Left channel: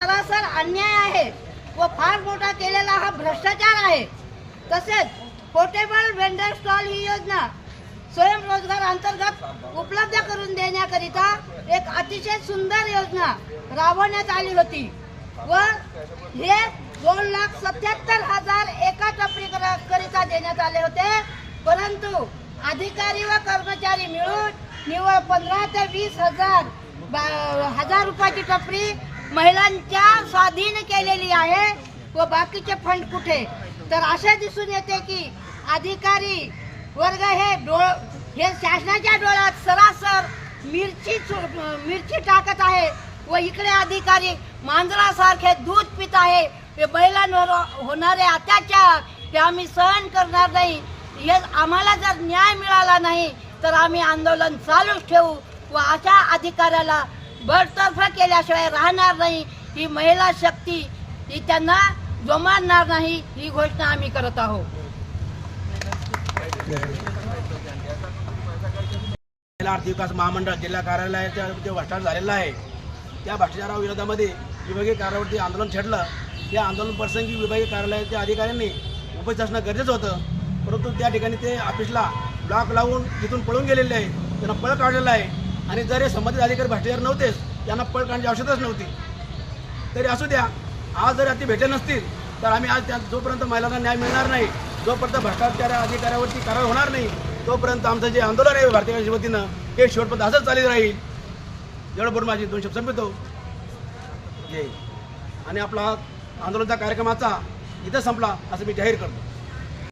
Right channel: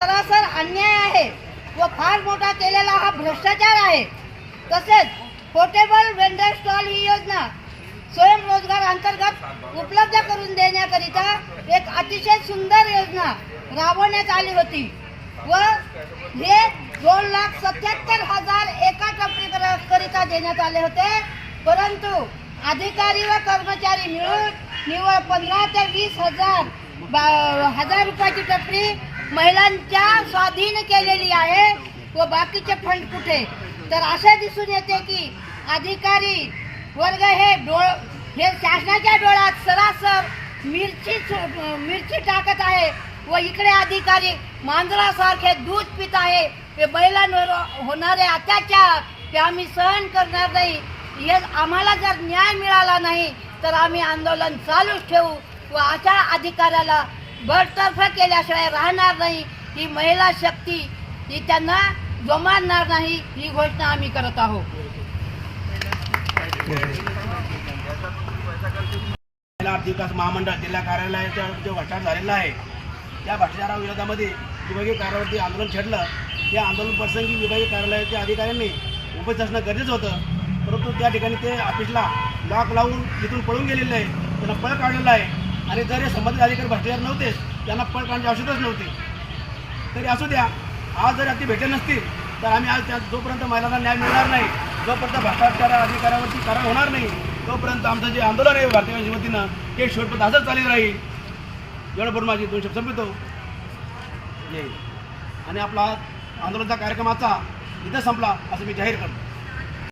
सरासर अन्याय आहे व फार मोठा केलेला हा भ्रष्टाचार आहे। तसेच पोर्टेबल वेंडर स्टॉल ही योजना स्वयंरोजगार अंतर्गत उपलब्ध करून देण्याकरिता एक अतिशय सुंदर योजना राबवण्यात आली होती व हे 2,77,000 एका टपरीकरिता देण्यात आले होते, परंतु अधिकारी व कर्मचारी मिळून निव्वळ 15 ते 20,000 रुपयाची टपरी महिलांच्या स्वाधीन केलेली आहे व बाकीचे फंड कुठे? तर असे दिसून येते की अधिकारी वर्ग हे शासनाच्या डोळ्यात सरासर मिरची टाकत आहे व इकडे अधिकारी मांजरासारखे दूध पित आहे। हे बैलांवर होणारे अत्याचार ते आम्ही सहन करणार नाही। हे आम्हाला जर न्याय मिळाला नाही तर आम्ही आंदोलन चालूच ठेवू व अशा अधिकाऱ्याला बडतर्फ केल्याशिवाय राहणार नाही। ही महिला शक्ती ही त्यांना जमणार नाही, ही घोषणा आम्ही करत आहोत। आर्थिक विकास महामंडळ जिल्हा कार्यालयाच्या जे भ्रष्टाचार झालेला आहे त्या भ्रष्टाचाराविरोधामध्ये विभागीय कार्यालयावरती आंदोलन छेडलं। या आंदोलन प्रसंगी विभागीय कार्यालयाच्या अधिकाऱ्यांनी उपस्थित असणं गरजेचं होतं, परंतु त्या ठिकाणी ते ऑफिसला लॉक लावून तिथून पळून गेलेले आहे, त्यांना पळ काढलेला आहे। आणि जर हे संबंधित अधिकारी भ्रष्टाचार नव्हतेच त्यांना पळ काढण्याची आवश्यकताच नव्हती। तरी असू द्या, आज जर ती भेटले नसतील तर आम्ही आज त्या जोपर्यंत महिलांना न्याय मिळणार नाही, जोपर्यंत भ्रष्टाचार अधिकाऱ्यावरती कारवाई होणार नाही, तोपर्यंत आमचं जे आंदोलन आहे भारतीय जनता वतीनं हे शेवटपर्यंत असंच चालू राहील। एवढं माझी 2 शब्द संपवितो आणि आपला आंदोलनाचा कार्यक्रमाचा इथं संपला असं मी जाहीर करतो।